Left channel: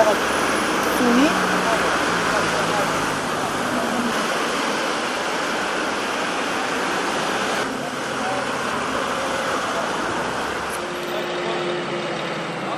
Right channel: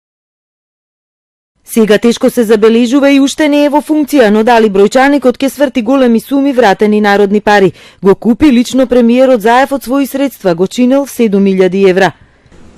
проверяват суми. Сега тешко се забележува и уште не е во функција, но дали бројчаникот ќе сврти големи суми вратени народни пари. Го купи лично премиерот Заев од своји средства, го чинел 7.000 евра.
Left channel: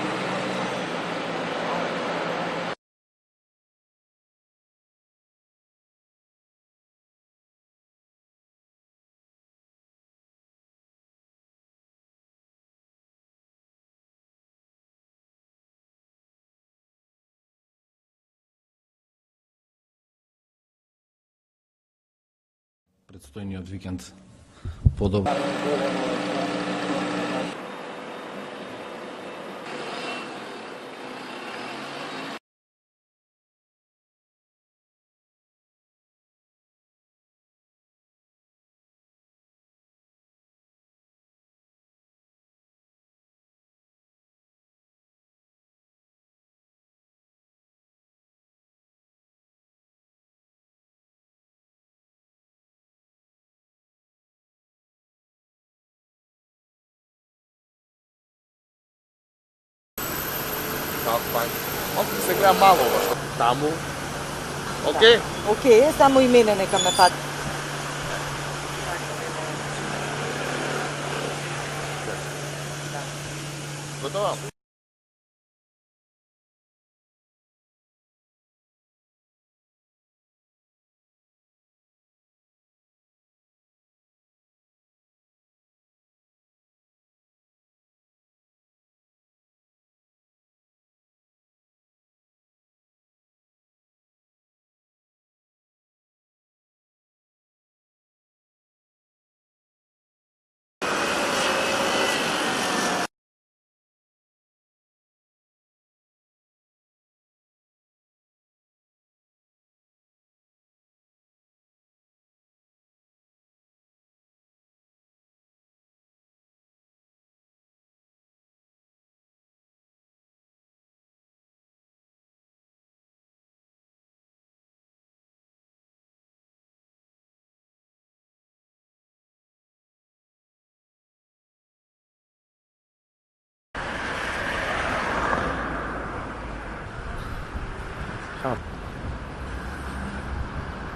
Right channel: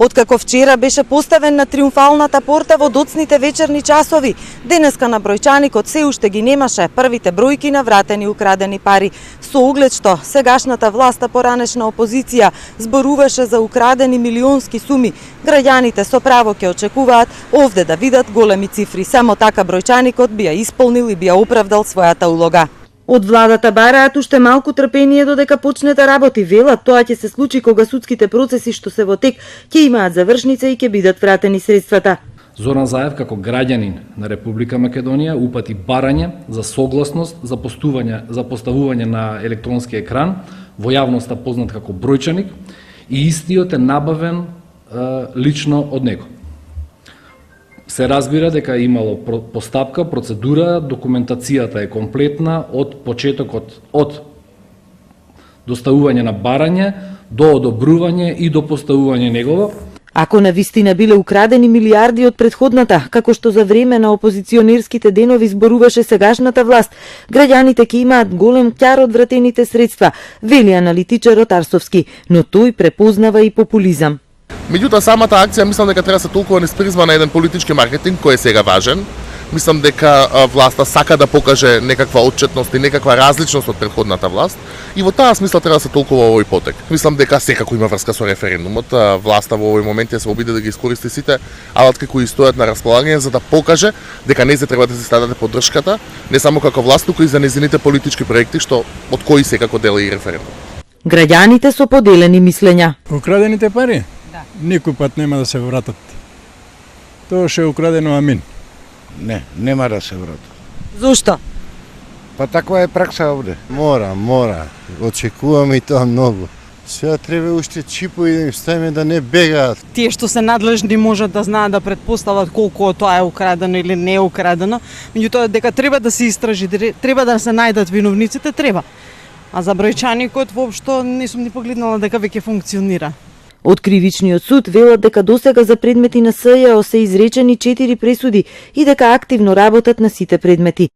Откако вчера беше поставен на триумфалната порта во доцните вечерни часови, денеска на бројчаникот се уште ги немаше првите бројки на вратени украдени пари. Со оглед што сегашната власт, поранешна опозиција, зборуваше за украдени милионски суми, граѓаните со право ќе очекуваат овде да видат големи цифри. Само така бројчаникот би ја исполнил и би ја оправдал својата улога. Од владата бараат уште малку трпение додека почне да работи. Велат, тоа ќе се случи кога судските процеси што се во тек ќе имаат завршница и ќе бидат вратени средствата. Зоран Заев како граѓанин на Република Македонија упати барање за согласност за поставување на електронски екран, во јавноста познат како бројчаник, и истиот е набавен лично од него. Се разбира дека имало постапка, процедура, документацијата е комплетна од почетокот, од доставување на барање до одобрување и до поставување негово. Ако навистина биле украдени милиарди од претходната, како што за време на опозиционерските денови зборуваше сегашната власт, граѓаните ќе имаат голем ќар од вратените средства, вели аналитичарот Арстовски, но тој препознава и популизам. Меѓутоа, самата акција мислам дека треба да се толкува низ призма на еден политички маркетинг кој е сега важен. Мислам дека власта сака да покаже некаква отчетност и некаква различност од претходната власт и во таа смисла треба да се толкува овој потек. Мислам дека секако има врска со референдумот. Власта во овој момент се обиде да ги искористи сите алатки кои стојат на располагање за да покаже дека незе треба да се даде поддршката, не само како власт, туку и за незините политички проекти што од кои секако дела и референдум. Граѓаните со поделени мислења. Украдените пари? Никој пат нема да се вратат. Тоа ше украдено, амин. Не, нема да се вратат. Зошто? Па таква е пракса овде. Мора. Очекуваме и тоа многу. Сега треба уште чипови да им ставиме да не бегаат. Тие што се надлежни можат да знаат да претпостават колку тоа е украдено или не е украдено, меѓутоа дека треба да се истражи, треба да се најдат виновниците, треба. А за бројчаникот воопшто не сум ни погледнала дека веќе функционира. Од кривичниот суд велат дека досега за предмети на СЈО се изречени 4 пресуди и дека активно работат на сите предмети.